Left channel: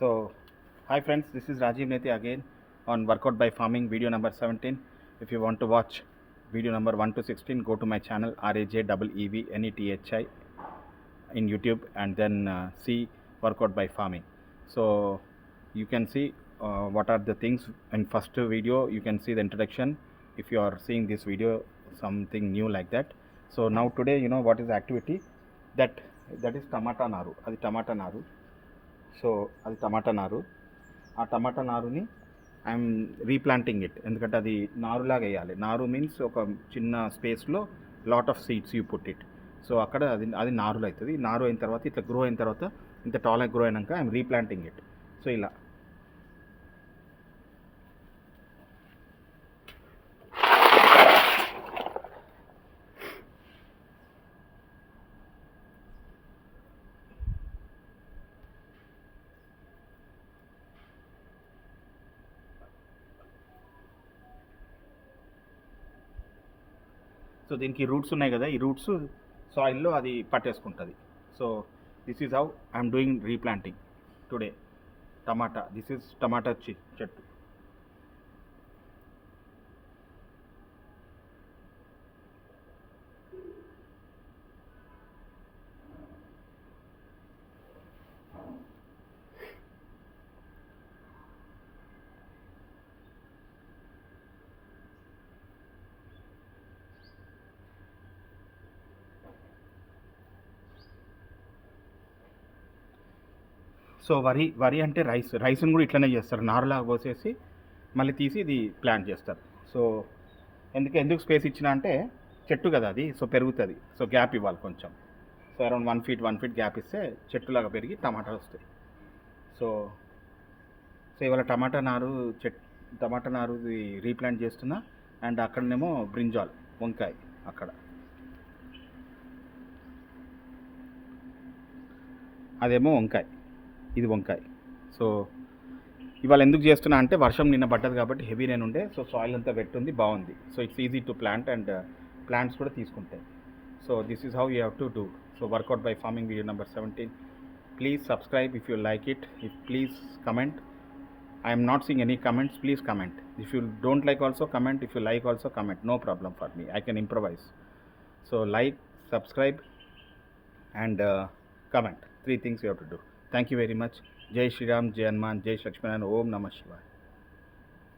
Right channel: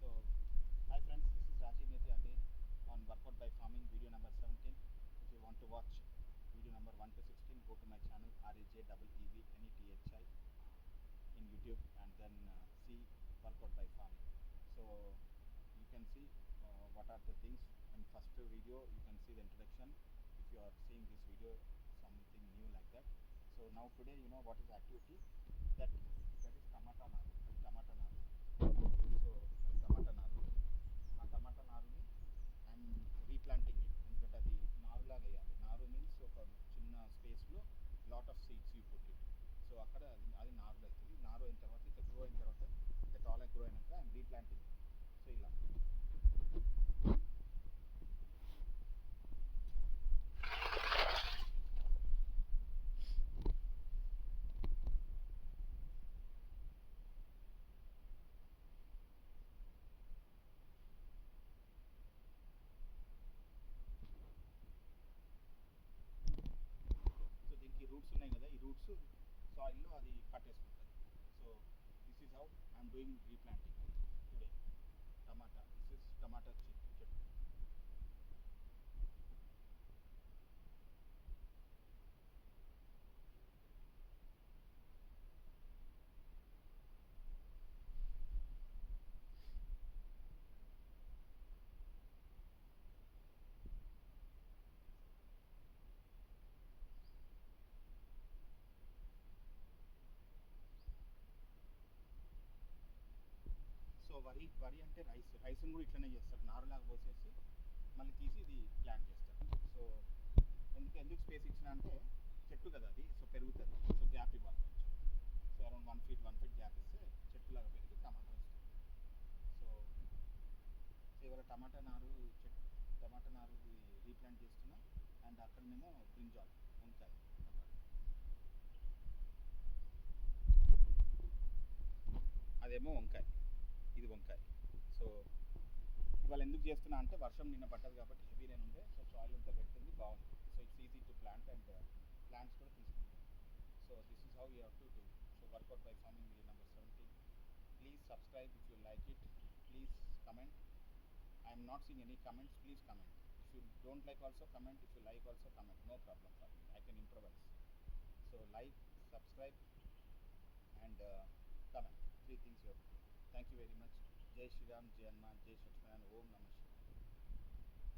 So, hi friends, this is Rajiv Neti again on Workout by Farming video number 17. If you want to watch video number 1 to 16, go to my channel RAJEEVNETHI in YouTube and then see Workout by Farming. So, you can see what are the things in first video. You can see the introduction. If you are seeing this video, something new like that. So now today, you know what is the activity that is tomato naru. Adi tomato naru. So అది టమాటా నారు. ఆ టమాటా నారుని I'm replanting it, ఎందుకంటే అది నారులాగా వేయాలి. నారు మీన్స్ ఒక చిన్న స్పేస్లో lot of seeds you put it. So అక్కడ అది నారులు అవుతుంది. నారు అయిన తర్వాత ఇట్లా గ్రో అయిన తర్వాత ఇంత టాల్ గ్రో అయినాక ఐఎమ్ రీప్లాంటింగ్ ఇట్. సో ఇలా సో దీనికి రూట్స్ ఉన్నాయి కదా, ఈ రూట్స్ సాయిల్లో అది పట్టేసుకుంటుంది. So this is how I'm doing replanting today tomato. This is tomato చెట్టు. సో వరి అంటే రైస్ని కూడా ఇట్లనే చేస్తారు, నారులాగా పోసేసి మళ్ళీ తీసి ఇది ప్లాంట్ చేస్తారు. సో ఎందుకు స్పేస్ ఇచ్చిన అంటే చెట్టు కదా అది, సో పెరుగుతుంది. సో గ్యాప్ ఇవ్వాలి కొంచెం. సో అరౌండ్ 1 feet గ్యాప్ ఇస్తే చెట్టులాగా పెరిగి టమాటాలు వస్తాయి. సో ఇవాళ టమాటా నారు రీప్లాంట్ చేస్తున్నా. అండ్ అక్కడనేమో బ్రింజాల్ వంకాయ, అక్కడ అదేమో వంకాయ, ఇది వంకాయ. సో ఇవాళ ఎందుకు చేస్తున్నా అంటే వర్షం నిన్న పడ్డది కాబట్టి హెవీ రైన్ ఉండే. సో సాయిల్ అంతా వెట్ ఉంది, బాగుంది. So it's easy to plant and plants కూడా తీసుకుంటాయి. So this is how you have to do. So workout by farming video number 17. Please subscribe if you like it. If please comment. I am not seeing any comments. Please comment. If you don't like also comment. If you like also comment. No problem for me. I can improvise. So like, subscribe and comment. 3 things you have to do. Thank you very much. Jai Shri Ram, Jai Hanuman, Jai Lakshmana, Om Namah Shivaya.